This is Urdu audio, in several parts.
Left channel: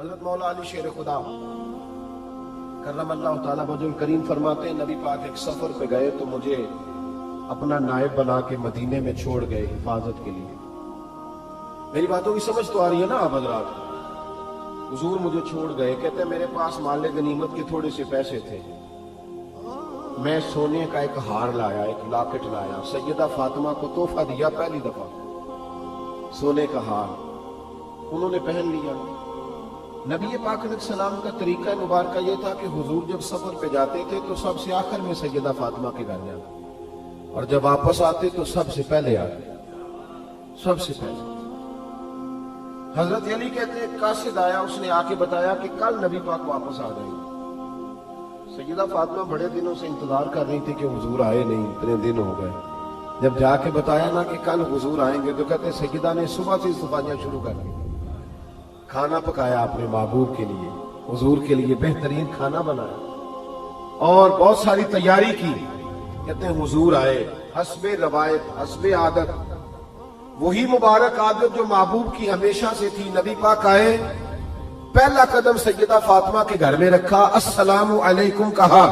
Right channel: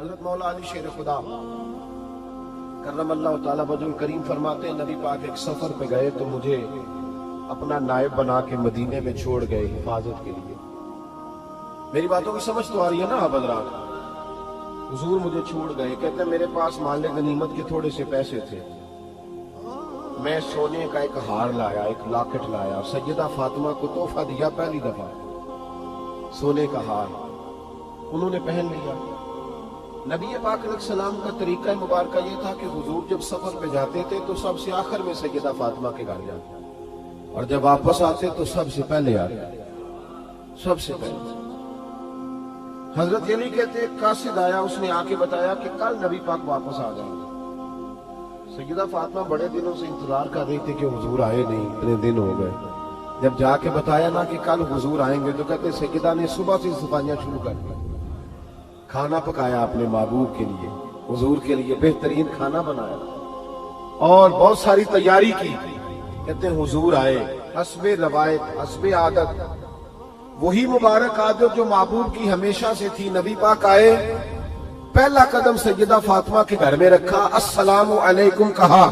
حضرت مولا علی شیر خدا کرم اللہ تعالیٰ وجہ کریم فرماتے ہیں نبی پاک ایک سفر پہ گئے تو مجھے اپنا نائب بنا کے مدینے میں چھوڑ گئے حفاظت کے لیے. میری باتوں کی سمجھ تو آ رہی ہے نا آپ حضرات؟ حضور مجھے چھوڑ گئے، کہتے ہیں میرے پاس مال غنیمت کے تھوڑے سے پیسے تھے، میں سونے کا ایک ہار لایا، ایک لاکٹ لایا، سیدہ فاطمہ کو تحفہ دیا پہلی دفعہ، سونے کا ہار انہوں نے پہن لیا. نبی پاک علیہ السلام کا طریقہ مبارکہ یہ تھا کہ حضور جب سفر پہ جاتے تھے تو سب سے آخر میں سیدہ فاطمہ کے گھر جاتے، اور جب واپس آتے تو سب سے پہلے آتے، سب سے پہلے. حضرت علی کہتے ایک قاصد آیا، اس نے آ کے بتایا کہ کل نبی پاک واپس آ جائیں گے. سیدہ فاطمہ بڑے دنوں سے انتظار کر رہی تھی کہ حضور آئے نہیں، اتنے دن ہو گئے. جب جا کے بتایا نا کہ کل حضور آئیں گے تو کہتے سیدہ نے صبح سے صفائیاں شروع کر دی، کھانا پکایا اپنے محبوب کے لیے، حضور کے لیے بہترین کھانا بنایا اور بہت ساری تیاری کی. کہتے ہیں حضور آئے، حسب روایت حسب عادت، وہی مبارک عادت جو محبوب کی ہمیشہ سے تھی. نبی پاک آئے، پہلا قدم سیدہ فاطمہ کے گھر میں رکھا، السلام علیکم کہا،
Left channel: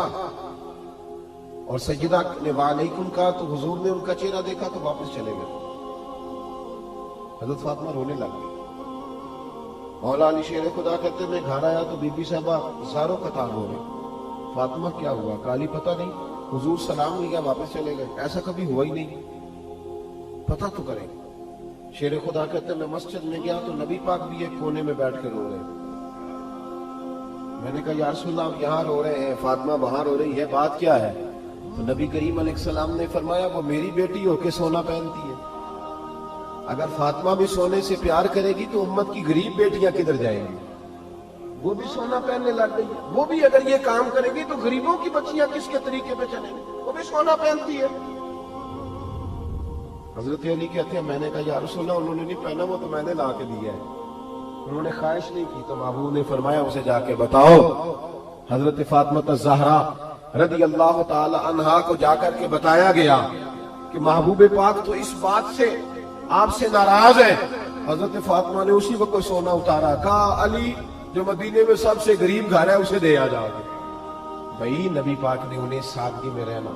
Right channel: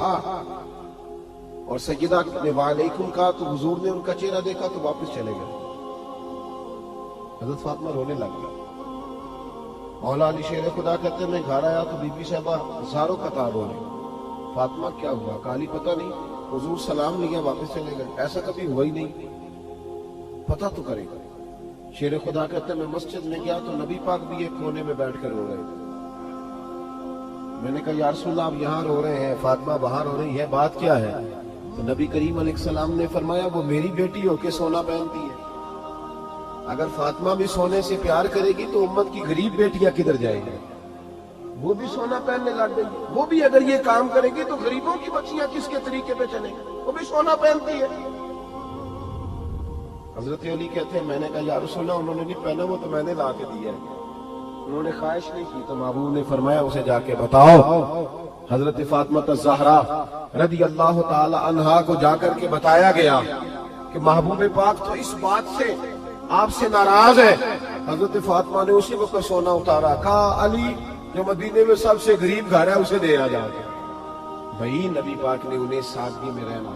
اور سیدہ نے وعلیکم کہا تو حضور نے ان کا چہرہ دیکھا تو واپس چلے گئے. حضرت فاطمہ رونے لگ گئی. مولا علی شیر خدا کہتے ہیں میں گھر آیا تو بی بی صاحبہ ہزاروں قطار ہو رہے. فاطمہ کیا ہوا؟ کالی پتہ نہیں، حضور سلام لیا واپس چلے گئے، ایسا کبھی ہوا ہی نہیں، پتہ تو کرے گا. شیر خدا کہتے ہیں میں مسجد میں گیا تو نبی پاک بھی ایک کونے میں بیٹھ کر رو رہے. میں نے کہا یا رسول اللہ آپ یہاں رو رہے ہیں، فاطمہ وہاں رو رہی ہے، بات کیا ہے؟ تو نبی کریم علیہ السلام نے فرمایا وہ میری بیٹی ہو کے سونا پہنتی ہے، اگر فاطمہ بھی سونے سے پیار کرے گی تو امت کی غریب بیٹیاں کدھر جائیں گی؟ وہ بھی سونا پہننے لگ گئی، وہ بھی اگر یہ کام کرے گی تو غریبوں کی بچیاں کس کے طریقے پہ چلیں گی؟ وہ بھی سونا پہنتی ہے. حضرت علی کہتے ہیں میں نے کہا یا رسول اللہ انہوں نے نہیں پہنا وہ تو میں نے لا کے دیا ہے. انہوں نے خواہش نہیں کی تو محبوب نے فرمایا اسے جا کے بتاؤ. حضرت فاطمہ الزہرا رضی اللہ تعالی عنہا کو جا کر کے بتایا گیا کہ محبوب پاک تو اس بات سے آپ سے ناراض ہے. حضرت فاطمہ نے اسی وقت سونا اتارا، کہا علی جو مدینے میں سب سے غریب گھر ہے اسے دے آ جا کے. بھائی نبی پاک نے انہیں سادگی میں رہنا،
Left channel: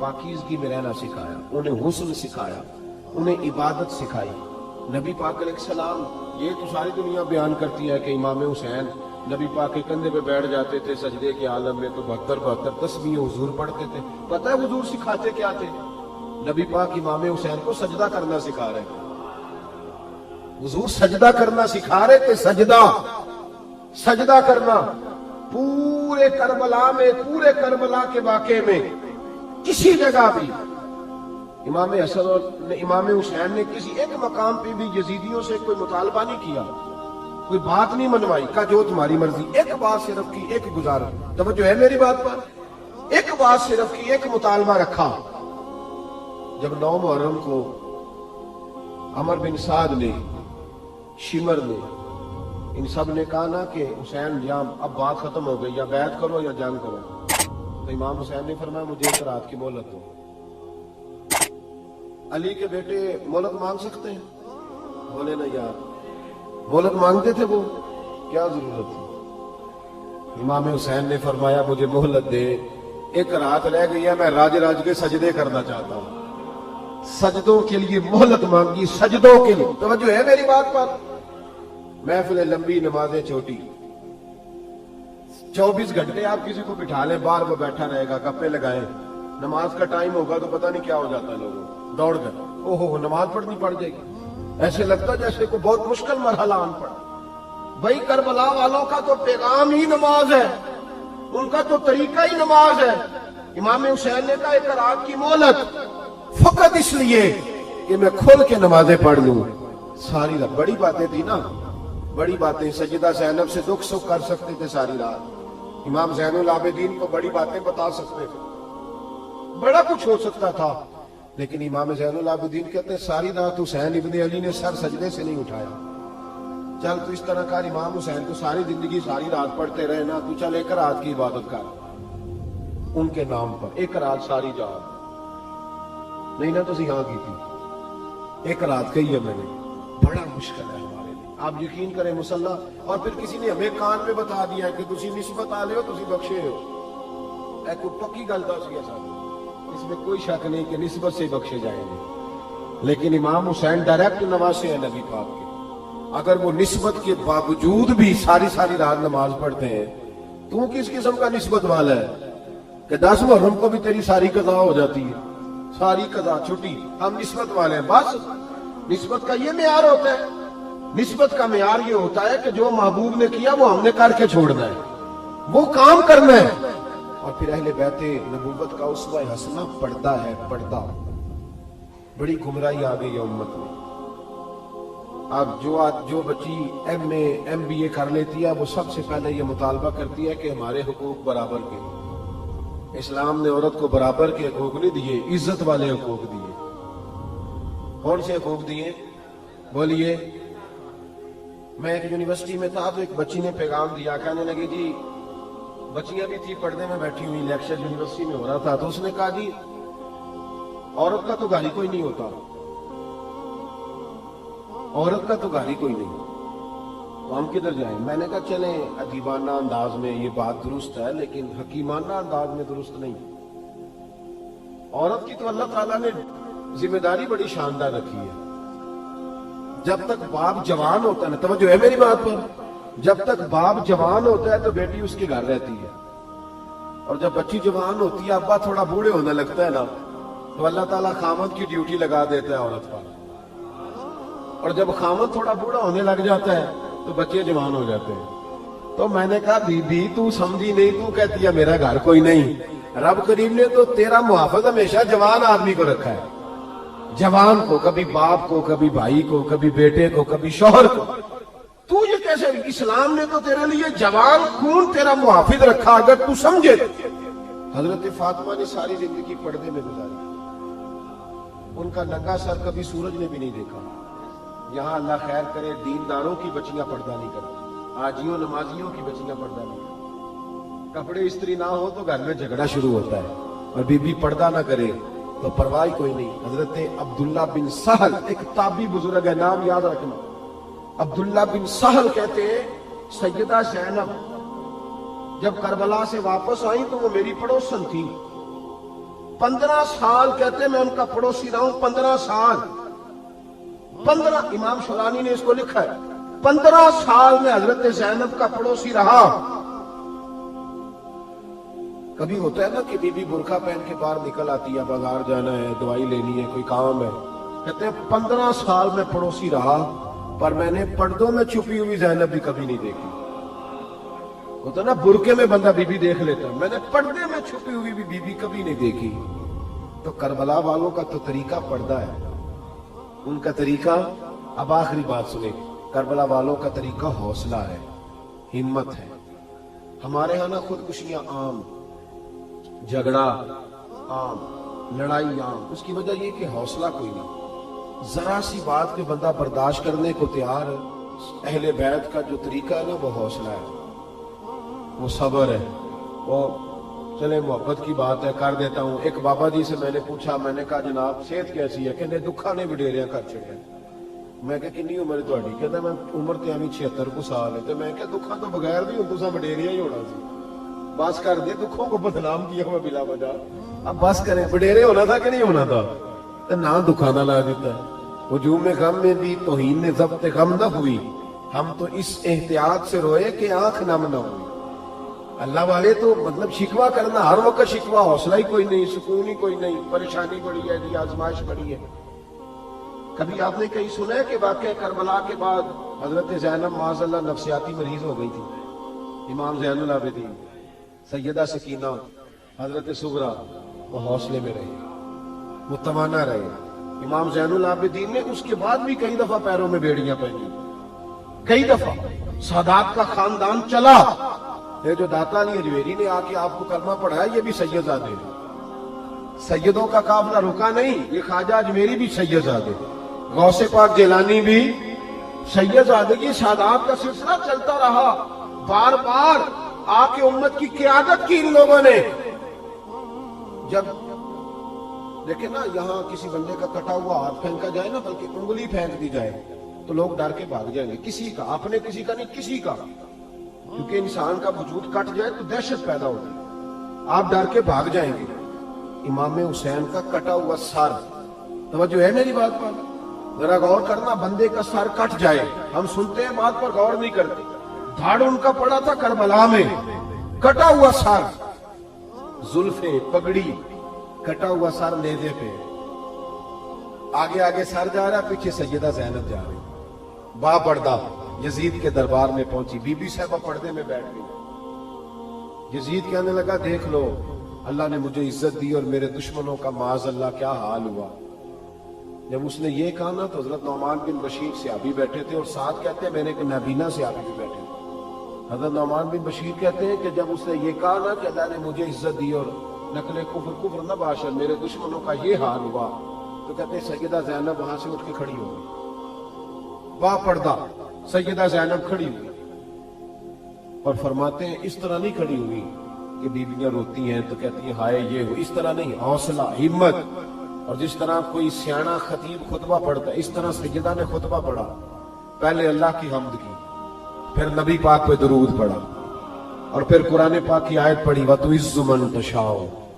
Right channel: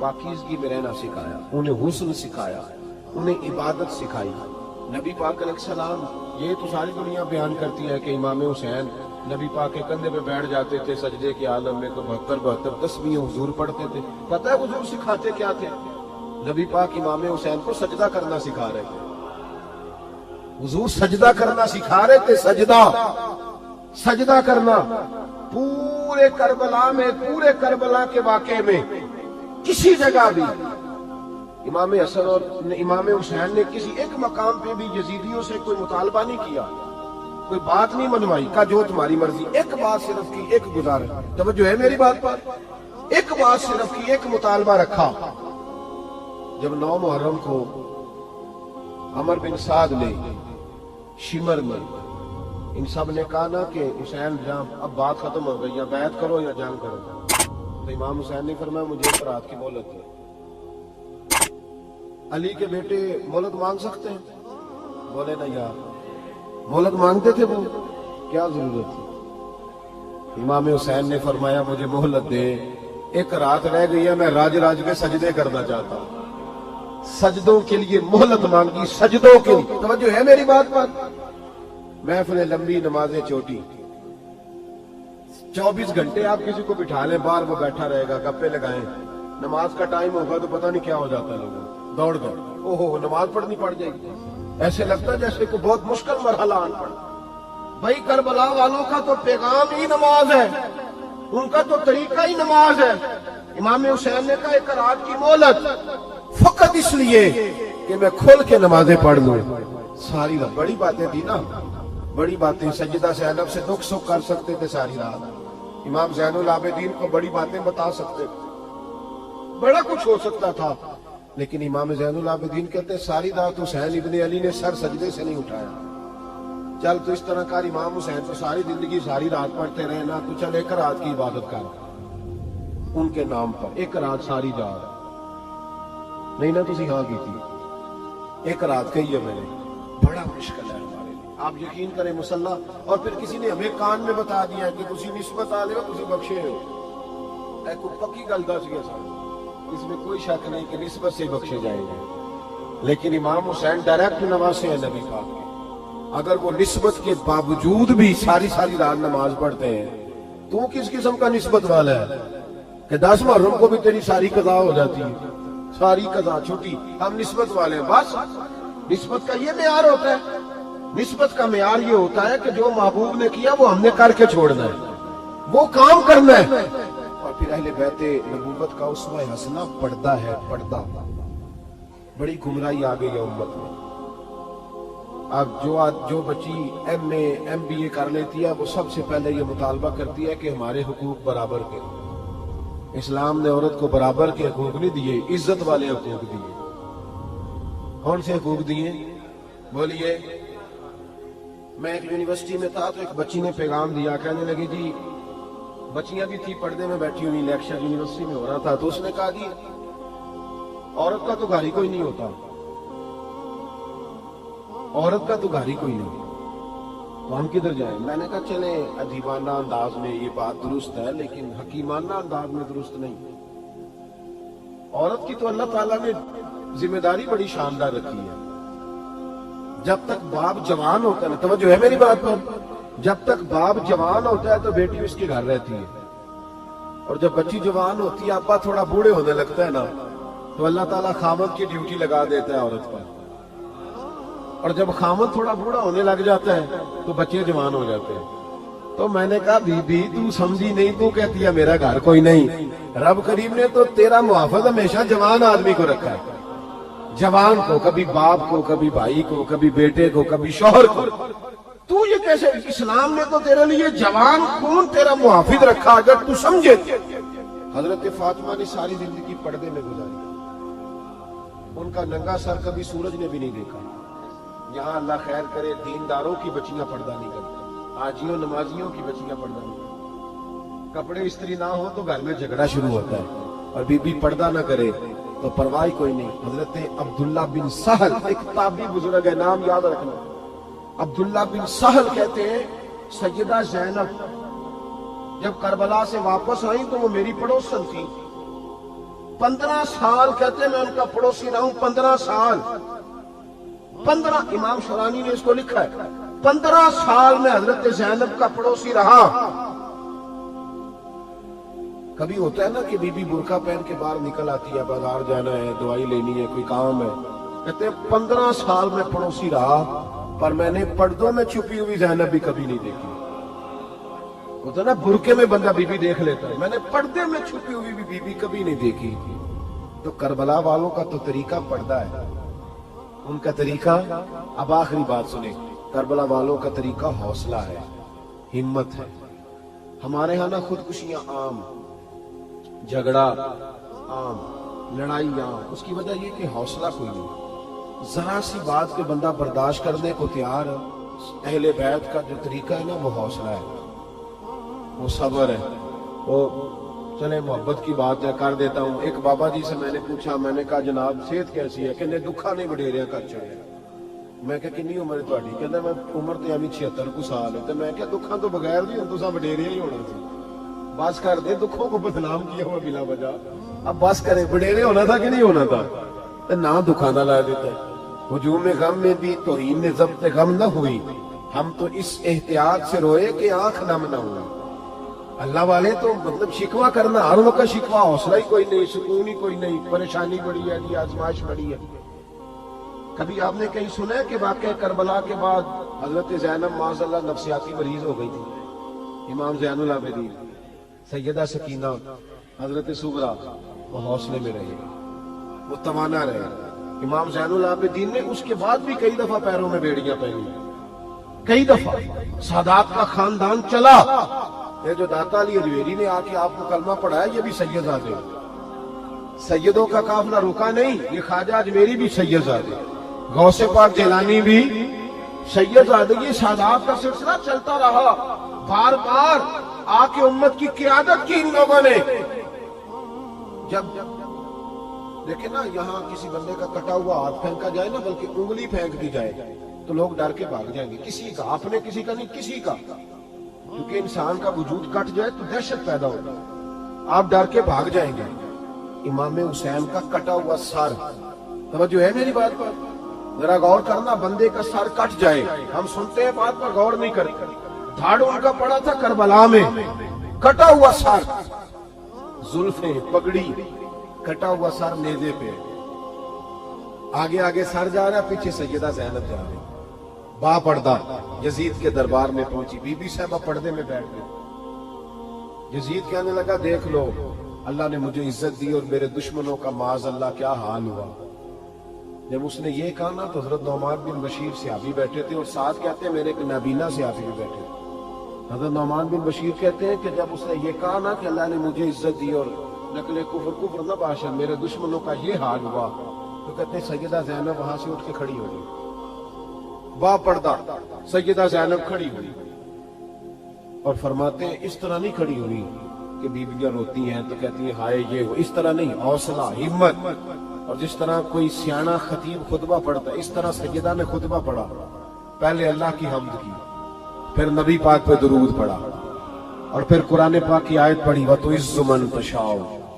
پاکیزگی میں رہنا سکھایا، انہیں حسن سکھایا، انہیں عبادت سکھائی. نبی پاک علیہ السلام یہ تو ساری دنیا بیان کرتی ہے کہ امام حسین نبی پاک کے کندھے پہ بیٹھ جاتے تھے سجدے کے عالم میں تو 72 تسبیح حضور پڑھتے تھے. پتہ ہے حضور سکھاتے کیا تھے؟ نبی پاک امام حسین کو سجدہ کرنا سکھا رہے تھے. حضور سجدہ کرنا سکھا رہے تھے، سجدہ کرنا. پورے کربلا کے واقعے میں کسی جگہ بھی امام حسن اور امام حسین نے کسی ایک مقام پہ بھی یزیدیوں سے کوئی مطالبہ نہیں کیا، کوئی بات نہیں منوائی، کہا جو تمہاری مرضی. ایک بات صرف کی، ایک گزارش، توجہ ہے میری بات پر، ایک بات صرف کی، ایک مطالبہ رکھا. جب 9 محرم کو عمر بن سعد نے، شمر نے، ان سب نے کہا نا کہ حسین جب اب بات ختم ہو گئی، یا بیعت کرو یا جنگ کرو، تو امام حسین نے فرمایا مجھے ایک رات کی مہلت دو. علی کے بیٹے مہلت مان سکتے ہیں؟ بولے نا یار، مہلت مانتے تھے وہ، کیا ضرورت تھی؟ امام حسین نے فرمایا مجھے مہلت دے، ایک رات رہ گئی ہے، میں راج کے سجدے کرنا چاہتا ہوں. سجدوں کے لیے مہلت مانگی، سجدوں کے لیے. توجہ ہے میری بات پر؟ محفل لمبی، نمازیں چھوٹی. 24 گھنٹے آپ کسی کو بٹھا لیں باہر، وہ بیٹھا رہے گا، گپے لگائیں. نماز کا ٹائم ہوگا تو پتہ نہیں کیا ہو جاتا ہے، لوگوں دوڑ گئے، اوہو نماز پڑھنی پڑ جائے گی. ایسے لگتا ہے جیسے کوئی بہت مشکل مرحلہ آن پڑا. بھائی کربلا والوں کا تو پیغام ہی نماز ہے، ان کا تو طریقہ ہی نماز ہے. امام حسین نے کہا ایک رات کی مہلت، فقط اس لیے کہ میں کھول کے نمازیں پڑھ لوں. ساری رات بڑی باتیں تھی نا، بڑی باتیں. سیدہ زینب سے دکھ سکھ کر سکتے تھے ساری رات، امام زین العابدین کو بڑی باتیں بتا سکتے تھے، بڑا کچھ ہو سکتا تھا. لیکن امام زین العابدین کہتے ہیں ساری رات حسین ابن علی نے سر سجدے سے نہیں اٹھایا. چل تو اس طرح کر، امام حسین تو ساری زندگی ساری رات پڑھتے رہے نا، تو چل ایک رات کی عبادت کر ان کے نام پر، ایک رات ساری جان نہیں نا تسی ہاں کی تھی، ایک رات کہی ہے میں نے. بڑا مشکل ہے ہمارے لیے. آپ یقین کریں مسلح، اور پھر کسی نے ہمیں کان میں بتا دیا کہ تسی نسبت آ لے ہو، تسی بخشے ہو. میں کو پکی گل دس گیا سر، اس میں کوئی شک نہیں کہ نسبت سے بخشے جائیں گے. لیکن امام حسین ڈائریکٹ نواسے ہیں نبی پاک کے، اگر وہ نسبت کے باوجود بھی ساری ساری رات نماز پڑھتے ہیں تو کس قسم کا نسبت والا ہے کہ 10 محرم کو بھی تیری ساری قضا ہو جاتی ہے، ساری قضا چھٹی. ہم نسبت والے ہیں. بس نسبت کا یہ معیار ہوتا ہے. نسبت کا معیار یہ ہوتا ہے کہ جو محبوب نے کیا وہ ہم نے کر کے چھوڑنا ہے، وہ کام کرنا ہے. اور پھر اہل بیت نبوت کا اسوہ حسنہ پردہ ہے. پردہ بڑی گمراہی آ گئی ہے امت میں. اب جو بچی ایم بی اے کر لیتی ہے وہ سب سے پہلے یہ مطالبہ کرتی ہے کہ ہمارے حقوق برابر کے. اسلام نے عورت کو برابر کے حقوق نہیں دیے، عزت والے حقوق دیے. کون سے حقوق دیے بولیے؟ میں ایک یونیورسٹی میں تھا تو ایک بچی نے پیغام دیا، کہنے لگی جی بچیاں بھی تھی پردے میں بیٹھی ہوئی، لیکچر یونیورسٹی میں ہو رہا تھا، تو اس نے کہا جی عورت کا تو گھر ہی کوئی نہیں ہوتا، عورت کا تو گھر ہی کوئی نہیں، تو ہم کدھر جائیں؟ میں نے کہا چلے ادیبانہ انداز میں یہ بات درست ہے لیکن حکیمانہ انداز میں درست نہیں. عورت کی تو اللہ تعالیٰ نے ذمہ داری بڑی شاندار رکھی ہے. جب تک باپ جوان ہوتا ہے، توجہ ہے میری بات پر، جب تک باپ جوان ہوتا ہے تو بیٹی اس کے گھر رہتی ہے، اور جب بچی جوان ہوتی ہے ابا تھوڑا بوڑھے ہونے لگتا ہے نا تو اللہ تعالیٰ خامد کی ڈیوٹی لگا دیتا ہے عورت پر. اور جب خامد تھوڑا بوڑھا ہونے لگ جاتا ہے تو بچے جوان ہو جاتے ہیں. تو میں نے کہا بی بی تو سمجھی نہیں، تو کہتی ہے میرا گھر کوئی نہیں. رب کریم نے تو تیرا محافظ ہمیشہ جوان آدمی کو رکھا ہے، جوان کو، کبھی باپ کو، کبھی بھائی کو، کبھی بیٹے کو، کبھی شوہر کو. تو یہ کیسے؟ اسلام نے تو تیرے لیے جوان کون تیرا محافظ رکھا اگر تو سمجھے. حضرت فاطمہ نے ساری زندگی پردے میں گزاری، ان کا ننگا سر کبھی سورج نے بھی نہیں دیکھا. یہاں اللہ خیر کرے دینداروں کی بچیاں پردہ نہیں کرتی، حاجیوں نمازیوں کی بچیاں پردہ نہیں کرتی. کپڑے استری نہ ہو تو گھر میں جھگڑا شروع ہوتا ہے، اور بی بی پردہ نہ کرے تو پرواہ کوئی نہیں. حضرت عبداللہ بن سہل ایک تابعی بزرگ ہے، نام یاد رکھنا. عبداللہ بن سہل کہتے ہیں سیدہ زینب جب کربلا سے واپس آئی تو وہ میری پڑوسن تھی. 15 سال کہتے ہیں میں ان کا پڑوسی رہا ہوں. 15 سال، 15 امام شورانی نے اس کو لکھا ہے، 15 سال میں حضرت زینب کا پڑوسی رہا. کبھی ہوتا ہے نا کہ بی بی برقع پہن کے باہر نکل آتی ہے، بازار جانا ہے، دوائی لینی ہے، کوئی کام ہے. کہتے ہیں 15 سال میں پڑوسی رہا پر میں نے پردوں میں چھپی ہوئی زینب بھی کبھی نہیں دیکھی. ہوتا نا برقعے میں بندہ بی بی دیکھ لیتا ہے، میں نے پردے میں چھپی ہوئی بھی بی بی کبھی نہیں دیکھی. تو کربلا والوں کا تو طریقہ پردہ ہے، ان کا طریقہ. اب آخری بات سنیں، کربلا والوں کا طریقہ حوصلہ ہے، ہمت ہے. ہمارے ہاں نا خودکشیاں عام، جھگڑا عام، لڑائی عام. اس کی وجہ یہ کہ حوصلہ کوئی نہیں. ذرا سی بات پہ بندہ برداشت کرنے کو تیار ہے. اہل بیت کا جو طریقہ ہے نا وہ حوصلہ ہے، وہ صبر ہے، وہ چلے محبت کی بات ہے کر دیتا ہوں. ایک بابا جی سے میں نے پوچھا، میں نے کہا جناب صحت کیسی ہے؟ کہ دکھا نہیں وڈیریاں کر چڑے. میں کہا کنی عمر تھوڑی؟ کہتا میں عمر تے ابھی 76 کو سال ہے. میں کہا دکھاں تو بغیر نہیں ہوں، تو وڈیریا ہی ہونا تھا. بس کر دے، دکھوں کو بدنام کیا ہوا بلا وجہ. اب بس کرے، وڈیرے ہونا تھا کہ نہیں ہونا تھا؟ نہ دکھانا لا دیتا ہے. ہجوم غم میں بھی توہین ضبط غم نہ ہوئی، ہم تو اس احتیاط سے روئے کہ آنکھ نم نہ ہو. اللہ والے تو مطلب شکوہ کرنا ہر وقت شکوہ، حوصلہ ہی کوئی نہیں، سکون ہی کوئی نہیں، پریشانی پڑی ہے کہ آزمائش پڑی ہے. کبھی آپ نے کہیں سنا ہے کہ واقعہ کربلا کے بعد حضرت زینب معاذ اللہ نفسیاتی مریض ہو گئی تھی؟ امام زین العابدین، سیدہ سکینہ، حضرت صغرا وہ حوصلے میں رہے، وہ توانا رہے. امام زین العابدین نے اس کے بعد بھی کئی دفعہ پیروں میں بیڑیاں پہنی، کئی دفعہ. سادات کا خاندان چلا. یہ جو داتا علی اجویری نے آ کے آپ کو کرنا پڑا ہے یہ بھی سید زادے. سیدوں کا قافلہ رکا نہیں، یہ خواجہ اجویری بھی سید زادے، غوث پاک جیلانی بھی سید زادے. یہ سادات کا سلسلہ چلتا رہا. بار بار آ کے امت کی قیادت کی ان لوگوں نے. جب دیکھیں نا یہاں کسی بندے کا کٹا ہوا ہاتھ پھینکا جائے نا، بلکہ انگلی پھینک دی جائے تو لوگ ڈر کے بھاگ جائیں گے. کسی کا، اپنے کسی کا نہیں، کسی کا. کیونکہ انسان کا وجود کٹ جائے تو دہشت پیدا ہوتا ہے، آپ ڈر کے بھاگ جائیں گے. امام حسین کا کٹا ہوا سر، توجہ ہے میری بات پر؟ ذرا غور کرنا، بندے کا سر کٹ جائے، ہم سنتے ہیں بات پر غور نہیں کرتے. دھاڑ ان کا پڑا تھا کربلا میں، کٹا ہوا سر، زلفیں، پگڑی، کٹا ہوا سر نیزے پہ، آگے آگے سر جا رہا، پیچھے سیدہ زینب جا رہی، با پردہ یزید کے دربار میں پہنچی. بی بی صاحبہ پردے میں بیٹھ گئی. یزید کہنے لگا دیکھ لو، اللہ نے مجھے عزت دی اور میرے دشمنوں کا معاذ اللہ کیا حال ہوا. جب اس نے یہ کہا نا تو حضرت نعمان بن بشیر صحابی بیٹھے تھے، اور ساتھ کہتے ہیں میں نے ایک نابینا صحابی بھی بیٹھے. حضرت نعمان بن بشیر کہتے ہیں کہ جب اس نے یہ کہا نا کہ اللہ نے مجھے عزت دی اور نقل کفر نہ باشا، میرے دشمنوں کا یہ حال ہوا، تو کہتے ہیں سیدہ زینب وہاں سے اٹھ کے کھڑی ہو گئی. با پردہ سیدہ زینب کھڑی ہوئی اور فرماتے ہیں اس طرح نہیں کھڑی ہوئی کہ بیویاں روتی ہیں تو کہتی ہیں ہائے یہ ہو، اس طرح نہیں، حوصلہ، ہمت. اور جس طرح کوئی سیاںا خطیب خطبہ پڑھتا ہے، اس طرح سیدہ نے خطبہ پڑھا. پہلے اللہ کی حمد کی، پھر نبی پاک پہ درود پڑھا، اور پھر قرآن پاک کی آیت پڑھی وَتُعِزُّ مَن تَشَاءُ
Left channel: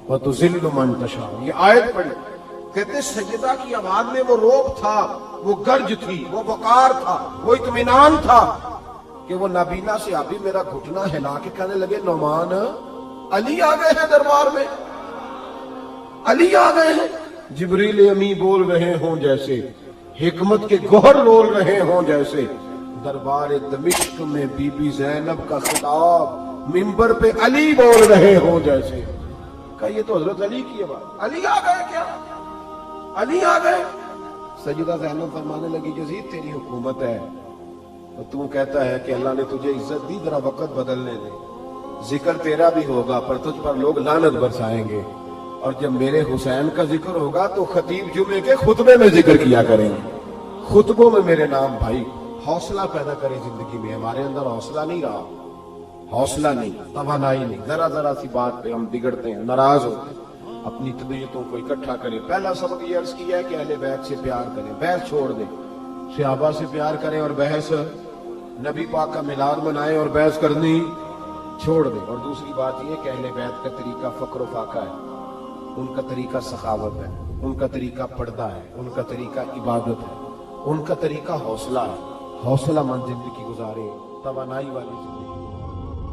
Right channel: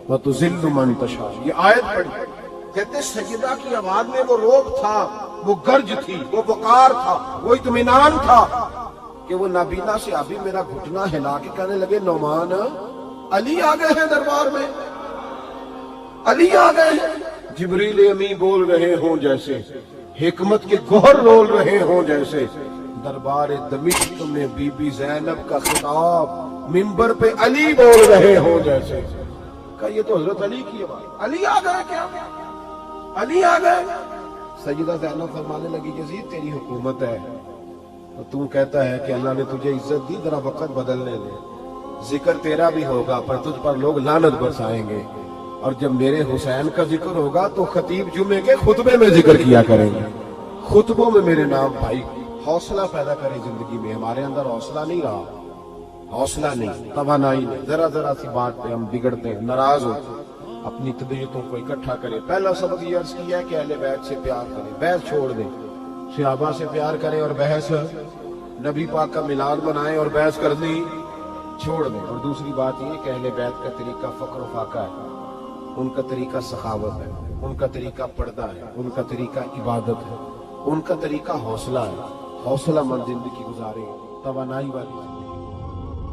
وَتُذِلُّ مَن تَشَاءُ. یہ آیت پڑھی. کہتے سیدہ کی آواز میں وہ روب تھا، وہ گرج تھی، وہ پکار تھا، وہ اطمینان تھا کہ وہ نابینا صحابی میرا گھٹنا ہلا کے کہنے لگے نعمان علی آ گئے ہیں دربار میں، علی آ گئے ہیں. جبریل امی بول رہے ہوں جیسے، حکمت کے گوہر رول رہے ہوں جیسے. دربار دمشق میں بی بی زینب کا خطاب منبر پہ علی بول رہے ہوں جیسے. کہ یہ تو حضرت علی کی آواز. علی آ گئے کیا؟ علی آ گئے. سیدہ زینب فرمانے لگی یزید تیری حکومت ہے تو کہتا ہے کہ اللہ نے تجھے عزت دی، ذرا وقت بدلنے دے، ذکر تیرا بھی ہوگا پر تجھ پر لوگ لعنت برسائیں گے. اور جب میرے حسین کا ذکر ہوگا تو خطیب جمعے کے خطبے میں ذکر کیا کریں گے، خطبوں میں میرے نام. بھائی حوصلہ پیدا کرے زندگی میں. ہمارے اندر حوصلہ نہیں رہا، حوصلہ نہیں، توانائی نہیں. ذرا سی بات پہ ہم بگڑتے ہیں، ناراض ہوتے ہیں، اپنی طبیعتوں کو اکٹھا کریں. پہلا سبق یہ عرض کیا ہے کہ اہل بیت سے پیار کریں، بحث چھوڑ دیں. صحابہ سے پیار کریں اور بحث، نبی پاک کا میلاد منائیں اور بحث کرنی چھوڑ دیں. اور دوسری بات یہ کہ اہل بیت کا طریقہ فقر و فاقہ ہے، ان کا طریقہ سخاوت ہے، ان کا طریقہ پردہ ہے، ان کا طریقہ عبادت ہے، ان کا طریقہ حوصلہ ہے. حوصلہ مند زندگی گزاریں، توانائی والی